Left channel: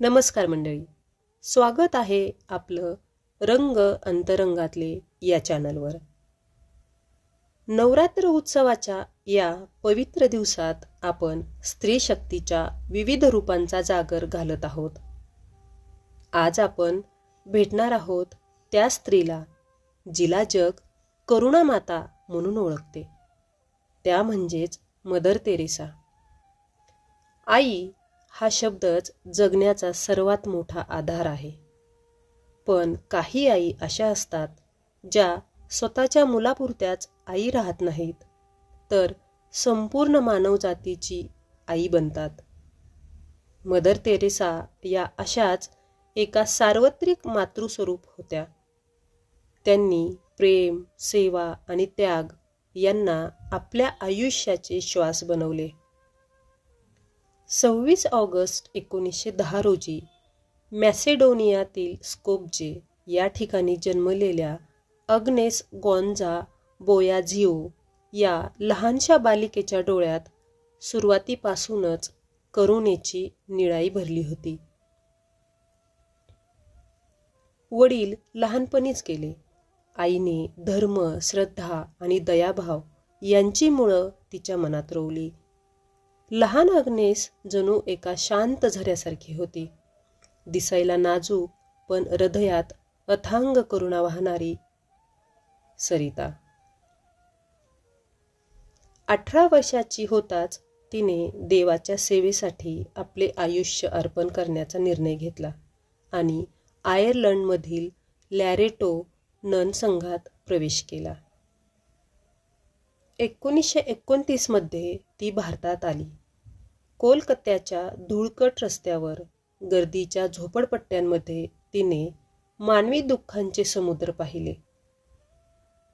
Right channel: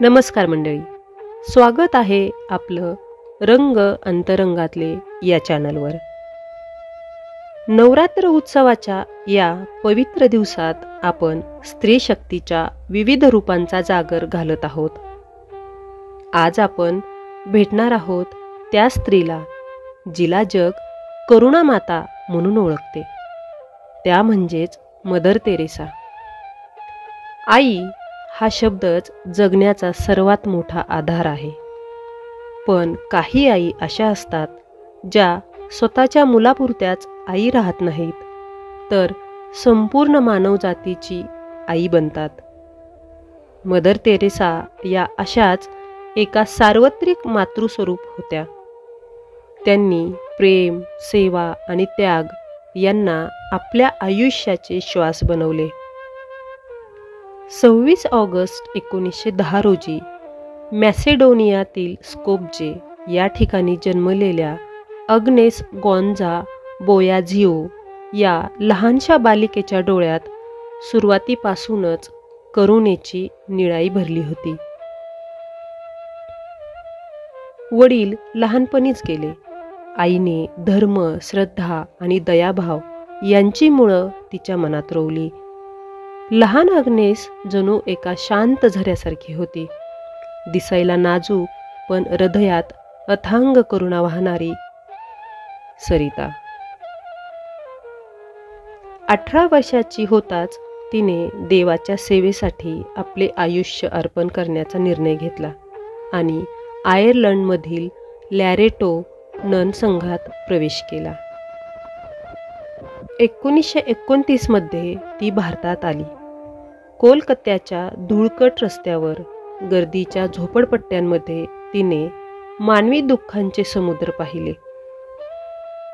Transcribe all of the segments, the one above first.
नमस्कार मंडळी, स्वागत आहे आपलं रंग अंतरंगातले या चॅनलवर. नवरात्र उत्सवाच्या या पवित्र दिवसात आपण स्त्री शक्तीच्या विविध रूपांचा जागर घालत आहोत. आज आपण भेटणार आहोत त्या स्त्रीला जिला जग करुणा माता म्हणून ओळखते, त्या म्हणजेच मदर तेरेसा. आई हा शब्दच जगण्याचा सर्वात मोठा आधार आहे. पण काही आई अशा असतात ज्या स्वतःच्या मुलापुरत्याच आई राहत नाहीत, तर संपूर्ण मानवजातीची आई बनतात. मदर तेरेसा या अशाच एका सार्वत्रिक मातृस्वरूप होत्या. त्यांनी प्रेम, सेवा आणि त्याग यांना आपल्या आयुष्याचे श्वास बनवले. 26 ऑगस्ट 1910 रोजी मॅसेडोनियातील स्कोप्जे या ठिकाणी जन्मलेल्या अग्नेस गॉन्झा बोयाझिओ या लहानशा बालिकेच्या डोळ्यात सुरुवातीपासूनच करुणेची निळाई भरली होती. वडील लहानपणीच गेले. आईने धर्म, श्रद्धा आणि दयाभाव यांची मुळं तिच्या मनात रोवली. लहान अग्नेस जणू एका शांत झऱ्यासारखी होती, दिसायला नाजूक पण हृदयात अथांग करुणा वाहणारी सरिता. 18 वर्षाची होताच तिने देवाच्या सेवेसाठी आपले आयुष्य अर्पण करण्याचा निर्णय घेतला आणि आयर्लंडमधील लॅरेटो नन संघात प्रवेश केला. 1929 मध्ये ती भारतात आली. कोलकात्याच्या धुळकट रस्त्यावर गर्दीच्या झोपडपट्ट्यांमध्ये तिने मानवी दुःखांचे समुद्र पाहिले.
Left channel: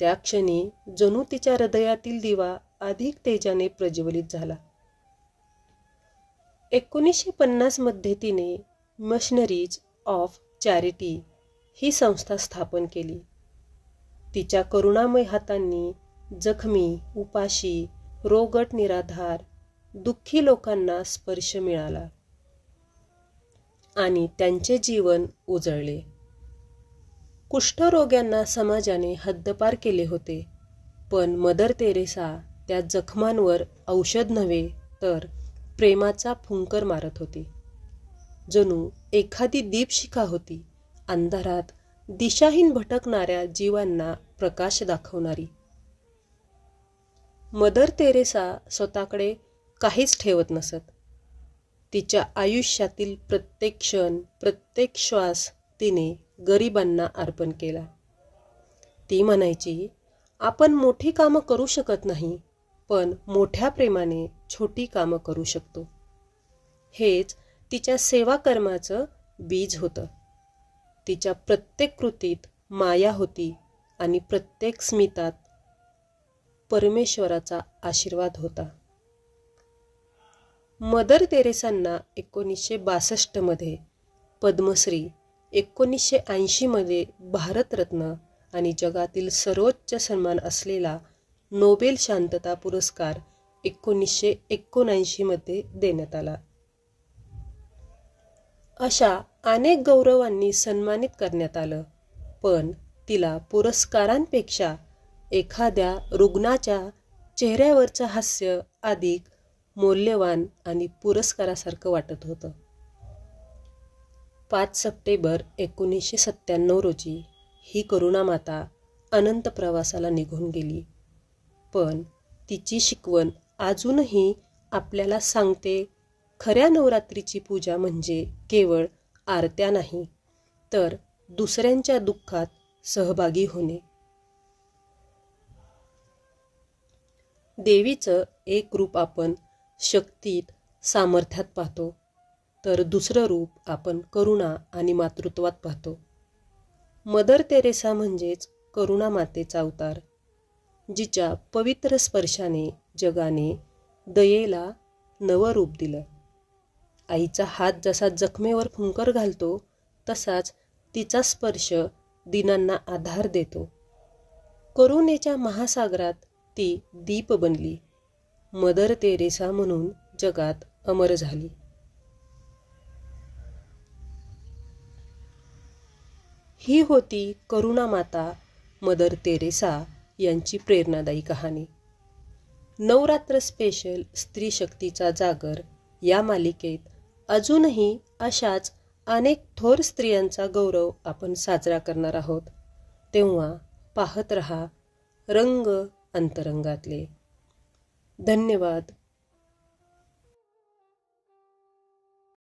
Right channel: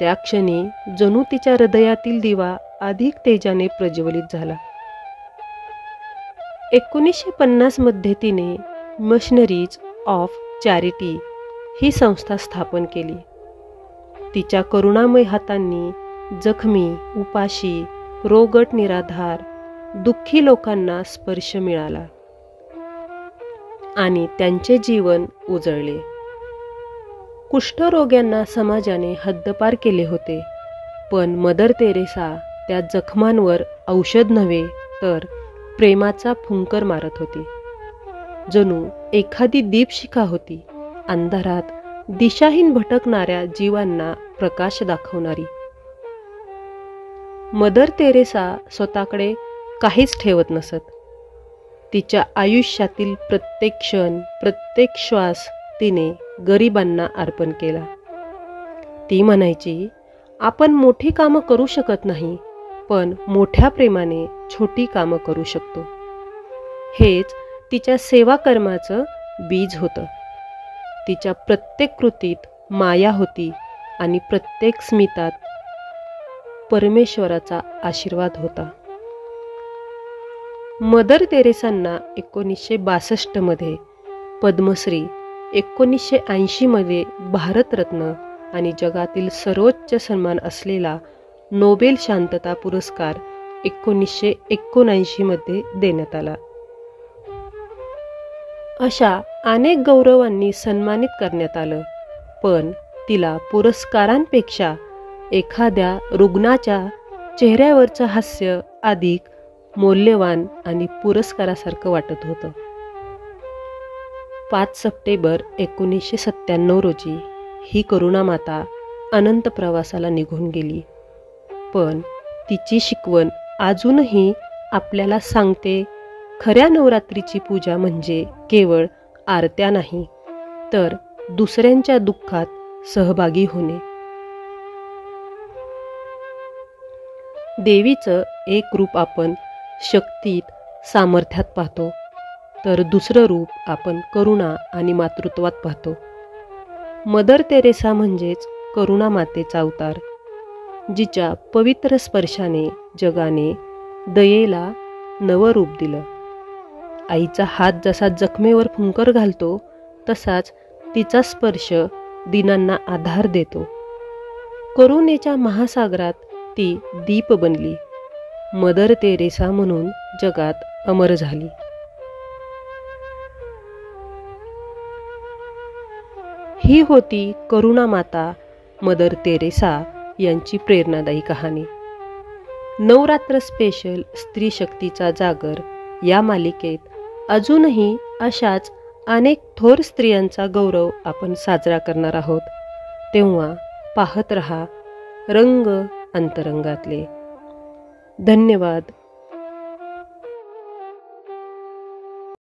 त्या क्षणी जणू तिच्या हृदयातील दिवा अधिक तेजाने प्रज्वलित झाला. 1950 मध्ये तिने मिशनरीज ऑफ चॅरिटी ही संस्था स्थापन केली. तिच्या करुणामय हातांनी जखमी, उपाशी, रोगट, निराधार, दुःखी लोकांना स्पर्श मिळाला आणि त्यांचे जीवन उजळले. कुष्ठरोग्यांना समाजाने हद्दपार केले होते, पण मदर तेरेसा त्या जखमांवर औषध नव्हे तर प्रेमाचा फुंकर मारत होती. जणू एखादी दीपशिखा होती, अंधारात दिशाहीन भटकणाऱ्या जीवांना प्रकाश दाखवणारी. मदर तेरेसा स्वतःकडे काहीच ठेवत नसत. तिच्या आयुष्यातील प्रत्येक क्षण, प्रत्येक श्वास तिने गरिबांना अर्पण केला. ती म्हणायची, आपण मोठी कामं करू शकत नाही, पण मोठ्या प्रेमाने छोटी कामं करू शकतो. हेच तिच्या सेवा कर्माचं बीज होतं. तिच्या प्रत्येक कृतीत माया होती आणि प्रत्येक स्मितात परमेश्वराचा आशीर्वाद होता. मदर तेरेसांना 1962 मध्ये पद्मश्री, 1980 मध्ये भारतरत्न आणि जगातील सर्वोच्च सन्मान असलेला नोबेल शांतता पुरस्कार 1979 मध्ये देण्यात आला. अशा अनेक गौरवांनी सन्मानित करण्यात आलं, पण तिला पुरस्कारांपेक्षा एखाद्या रुग्णाच्या चेहऱ्यावरचं हास्य अधिक मौल्यवान आणि पुरस्कारासारखं वाटत होतं. 5 सप्टेंबर 1997 रोजी ही करुणा माता अनंत प्रवासाला निघून गेली, पण तिची शिकवण अजूनही आपल्याला सांगते, खऱ्या नवरात्रीची पूजा म्हणजे केवळ आरत्या नाही, तर दुसऱ्यांच्या दुःखात सहभागी होणे. देवीचं एक रूप आपण शक्तीत, सामर्थ्यात पाहतो, तर दुसरं रूप आपण करुणा आणि मातृत्वात पाहतो. मदर तेरेसा म्हणजेच करुणा मातेचा अवतार, जिच्या पवित्र स्पर्शाने जगाने दयेला नवं रूप दिलं. आईचा हात जसा जखमेवर फुंकर घालतो, तसाच तिचा स्पर्श दीनांना आधार देतो. करुणेच्या महासागरात ती दीप बनली, मदर तेरेसा म्हणून जगात अमर झाली. ही होती करुणा माता मदर तेरेसा यांची प्रेरणादायी कहाणी. नवरात्र स्पेशल स्त्री शक्तीचा जागर या मालिकेत अजूनही अशाच अनेक थोर स्त्रियांचा गौरव आपण साजरा करणार आहोत. तेव्हा पाहत रहा रंग अंतरंगातले. धन्यवाद.